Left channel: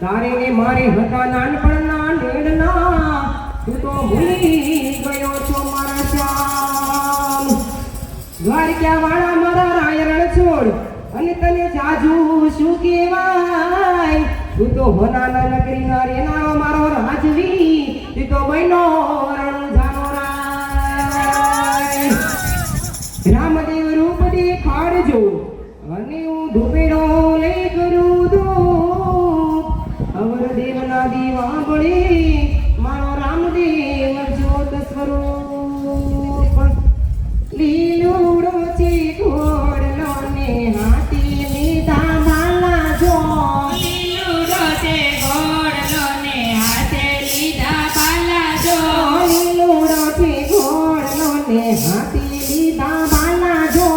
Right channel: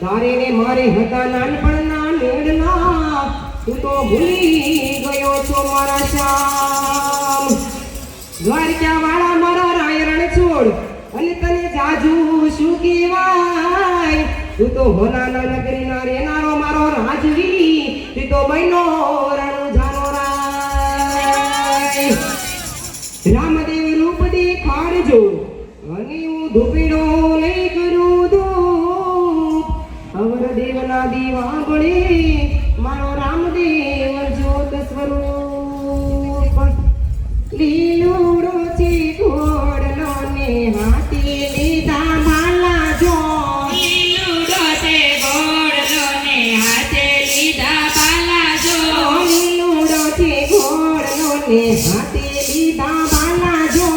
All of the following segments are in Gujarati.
તારે ને મારે હતા નાનપણના નેડના તું તો ભૂલી ગયો છો મારા શ્યામ દ્વારકા વાળા મારા રાયરણ છોડ અને તને જાજુ શું કહેવાય તું તો હોનાના નગરીના રેનારો મારો રાજવી તું તો મહિનો રણુ જાનો રાય રામદેવ રૂપ દેખાડજો અને હું ધૂપેડો લઈ કરું ધૂપ અવર દેવના દીવા બળે મારો રામદેવ જ્યોત સ્વરૂપ લીલુડો છે ઘોડલો ને હાથી લીધા માલા જો લીલુડો છે ઘોડલો ને હાથે લીધા બાલા જો લીલુડો છે ઘોડલો ને હાથી લીધા માલા જો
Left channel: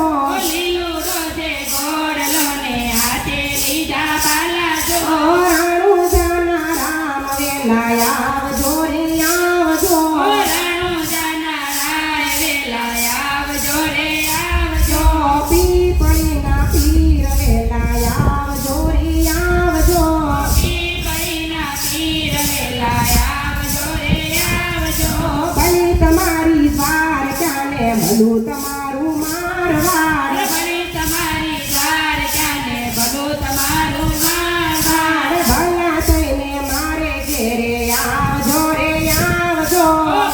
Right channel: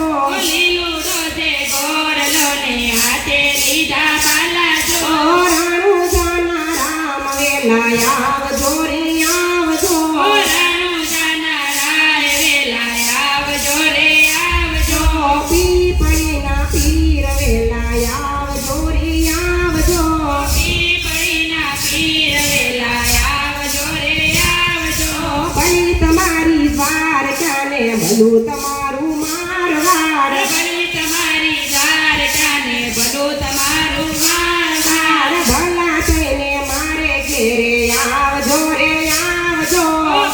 લીલુડો છે ઘોડલો ને હાથે લીધા બાલા જો રાણુ જાના રામ વેલા આવજો રે આવજો રાણુ જાના રાય વેલા આવજો રે આવજો પીપળીના પીર વેલા આવજો રે આવજો પીપળીના પીર વેલા આવજો રે આવજો ભઈ તમારી દ્વારકાને ભલું તમારું મારવાડ ભલે તમારી દ્વારકાને ભલું તમારું મારવાડ ભલા થઈને મારે ઘેરે આવજો રે આવજો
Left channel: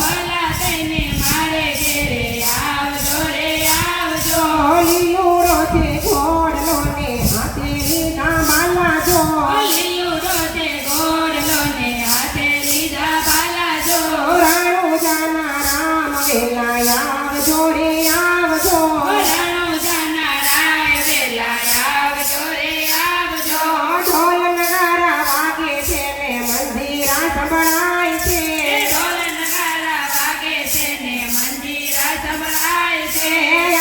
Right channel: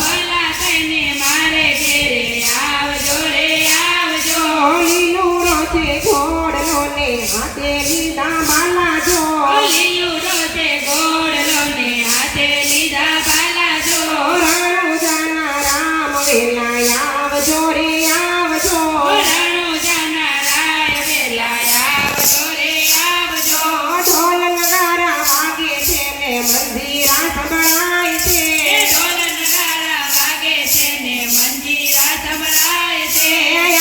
ભલા થઈને મારે ઘેરે આવજો રે આવજો લીલુડો છે ઘોડલો ને હાથે લીધા માલા જો લીલુડો છે ઘોડલો ને હાથે લીધા બાલા જો રાણુ જાના રામ વેલા આવજો રે આવજો રાણુ જાના રાય વેલા આવજો રે આવજો ઢોલ નગારા વાગે છે ને મંદિરા સંભળાય છે ઢોલ નગારા વાગે છે ને મંજીરા સંભળાય છે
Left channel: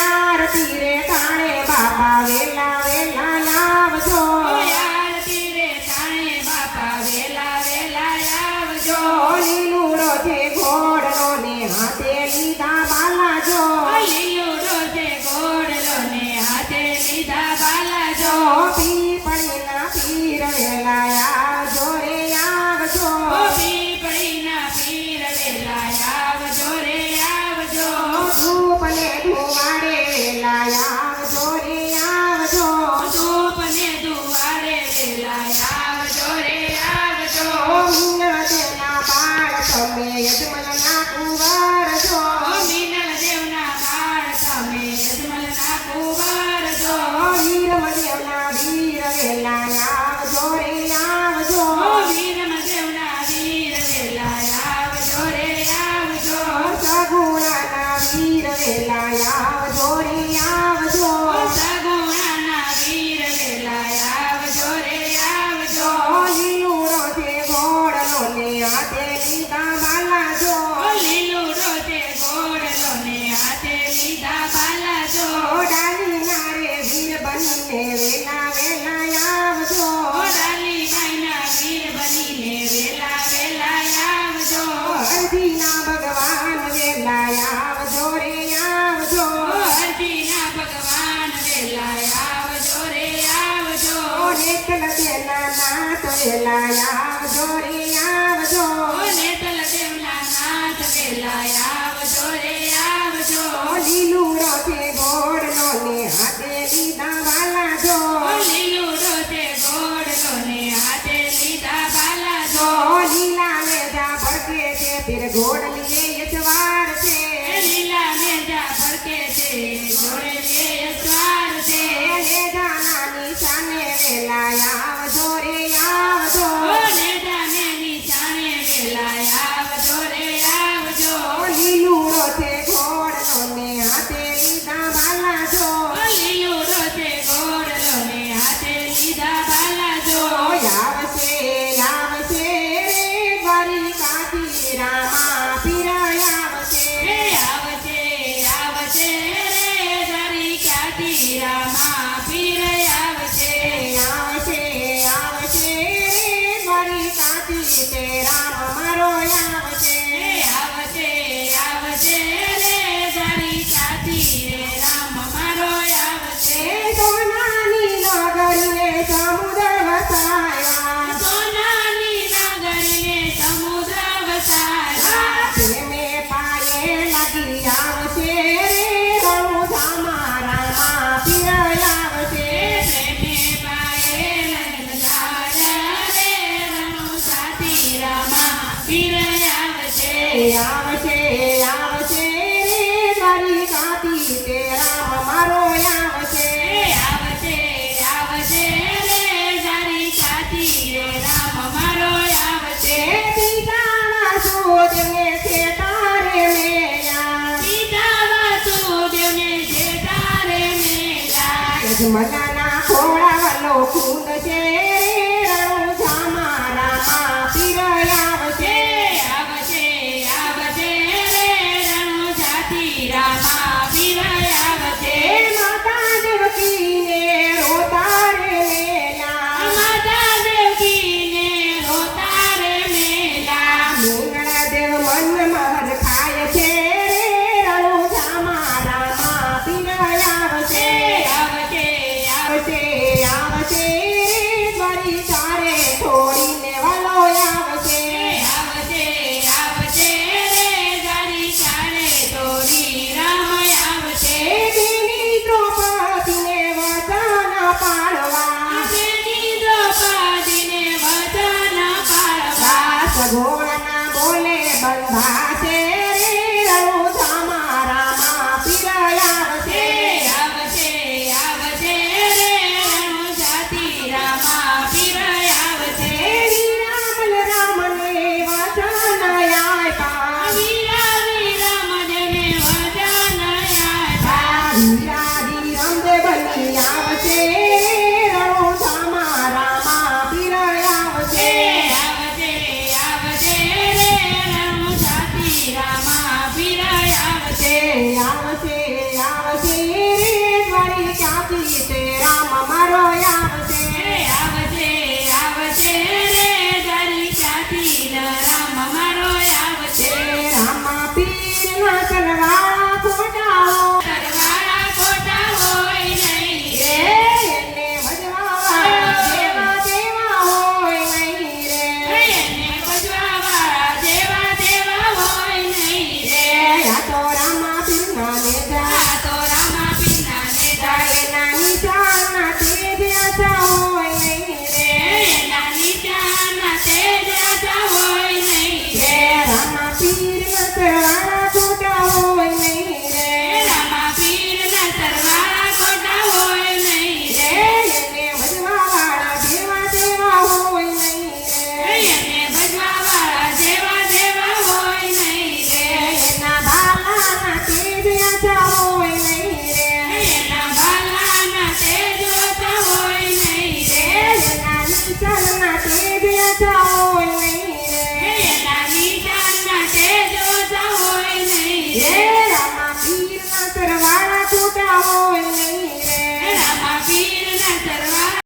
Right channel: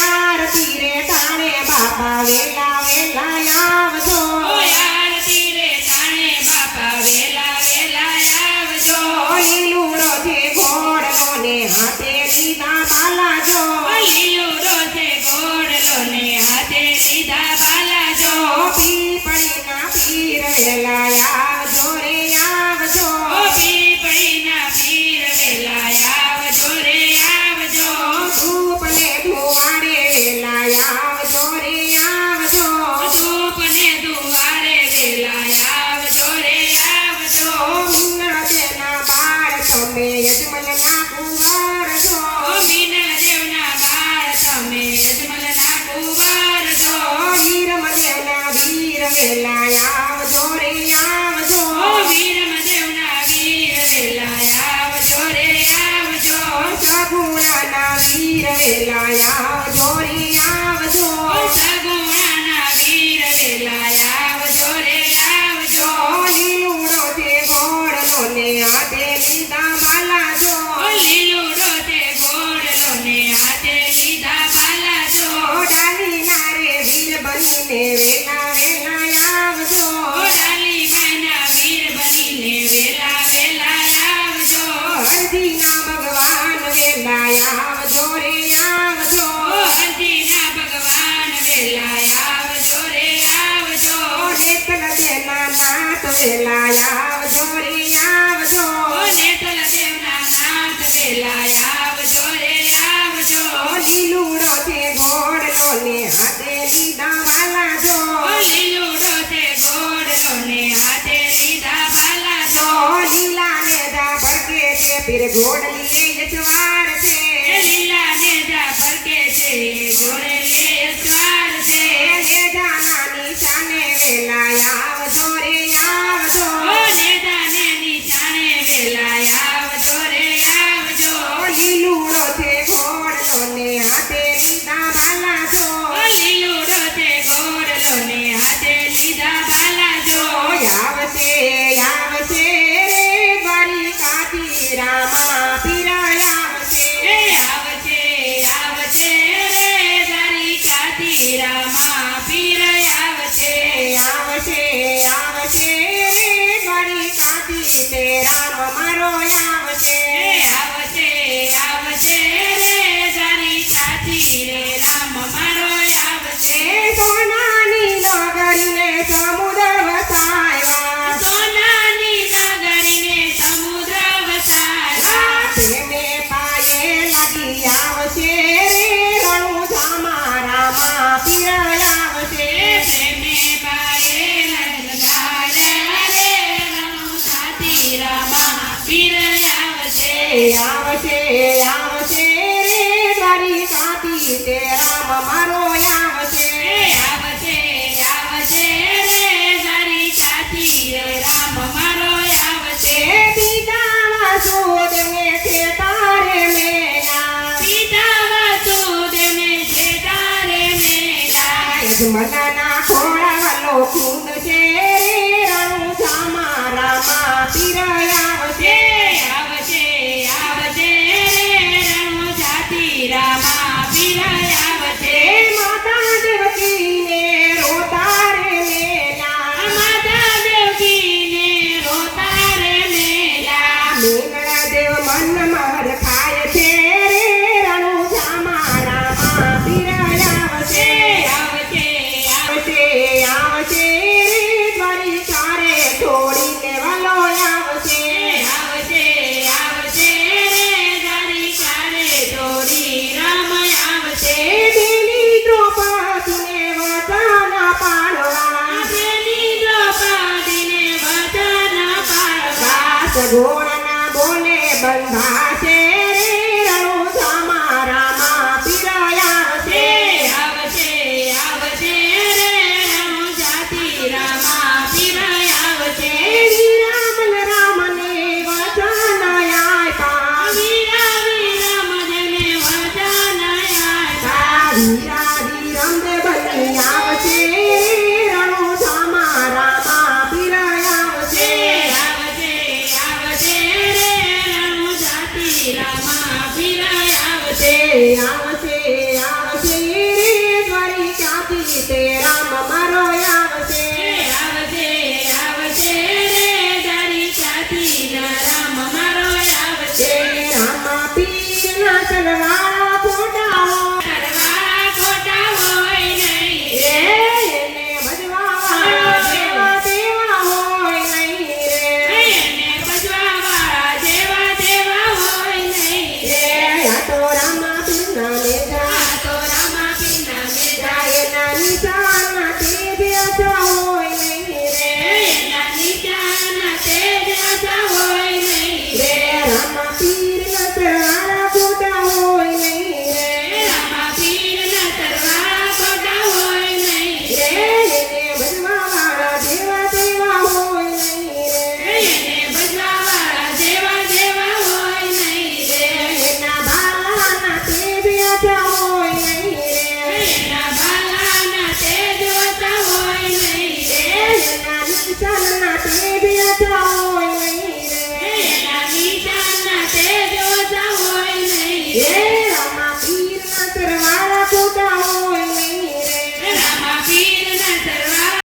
આરતી રે તાણે બાપા વેલા વેલા આવજો આરતી રે ટાણે બાપા વેલા વેલા આવજો લીલુડો છે ઘોડલો ને હાથે લીધા બાલા જો લીલુડો છે ઘોડલો ને હાથે લીધા બાલા જો પીપળીના પીર વેલા આવજો રે આવજો પીપળીના પીર વેલા આવજો રે આવજો ધૂપ ને ધુવાડે વેલા આવજો રે આવજો ધૂપ ને દુવારે વેલા આવજો રે આવજો મીના દેના બાળ તમે યજમાનના કુંવર છો મીના દેવના બાળ તમે યજમલના કુંવર છો વીરમદેવના વીર વેલા આવજો રે આવજો વીરમદેવના વીર વેલા આવજો રે આવજો સગુણાના વીર વેલા આવજો રે આવજો સગુણાના વીર વેલા આવજો રે આવજો લીલુડો છે ઘોડલો ને હાથે લીધા માલા જો લીલુડો તે ઘોડલો ને હાથે લીધા બાલા જો ડાલીના રે વીર બનીને વેલા વેલા આવજો ડાલી માના વીર બનીને વેલા વેલા આવજો હરજીના ભગવાન વેલા આવજો રે આવજો હરજીના ભગવાન વેલા આવજો રે આવજો નેતલ દેના નાથ વેલા આવજો રે આવજો નેતલ દેવના નાથ વેલા આવજો રે આવજો લીલુડો છે ઘોડલો ને હાથે લીધા વાલા જો લીલુડો તે ઘોડલો ને હાથે લીધા બાલા જો લીલા ને જા ભડકે છે પીર ઘોડલીએ યજવાર છે લીલા ને જા ફરકે છે જોડે લે સ્વાર છે લે જાના નિશાને વેલા આવજો રે આવજો ને જાને નિશાને વેલા આવજો રે આવજો લીલુડો છે ઘોડલો ને હાથે લીધા વાલા જો લીલુડો તે ઘોડલો ને હાથે લીધા બાલા જો આવશે આવશે રે બળી કાઠી રામા પીરાય આવશે આવશે આવશે રે દરી કાઠી રામા પીર આવશે આવશે આવશે રે બળી કાઠી તે રામ મારો આવશે આવશે આવશે રે દરી કાઠી રે રામ મારો આવશે સોનાની નગરીને સમુદ્ર વસાવ્યા સોના આવશે આવશે રે દ્વારિકાથી તે રામ મારો આવશે આવશે આવશે રે દ્વારિકાથી રામ મારો આવશે બીજા વાસુદેવને છે તારે મેલા સીતા વાસુદેવને છે તારે મેલા યજમાનના ખોળાવાલો કુંડ છે રણુજામાં રામા પીર આવશે આવશે આવશે રે રણુજાથી રામા પીર આવશે માતા દેવકીને રોતા રે મેલા માતા દેવકીને રોતા રે મેલા મેલા દેવ મન મહર ખાય છે રે રણુજામાં રામા પીર આવશે આવશે આવશે આવશે દ્વારિકા રે છોડીને વાલો આવશે આવશે આવશે રે દ્વારિકાને દોરી રામ આવશે દેવી દ્રૌપદીને વચન પાડવા બેની દ્રૌપદીને વચન પાડવા સગોળના બોલે બંધાશે રે રણુજામાં રામા પીર આવશે આવશે આવશે રે રણુજાથી રામા પીર આવશે રામ રામને વચન આપ્યા વીરા વિરામ દેવને વચન આપ્યા હીરાજી રામદેવ બની આવશે રણુજામાં રામા પીર આવશે આવશે આવશે રે રણુજાથી રામા પીર આવશે આવશે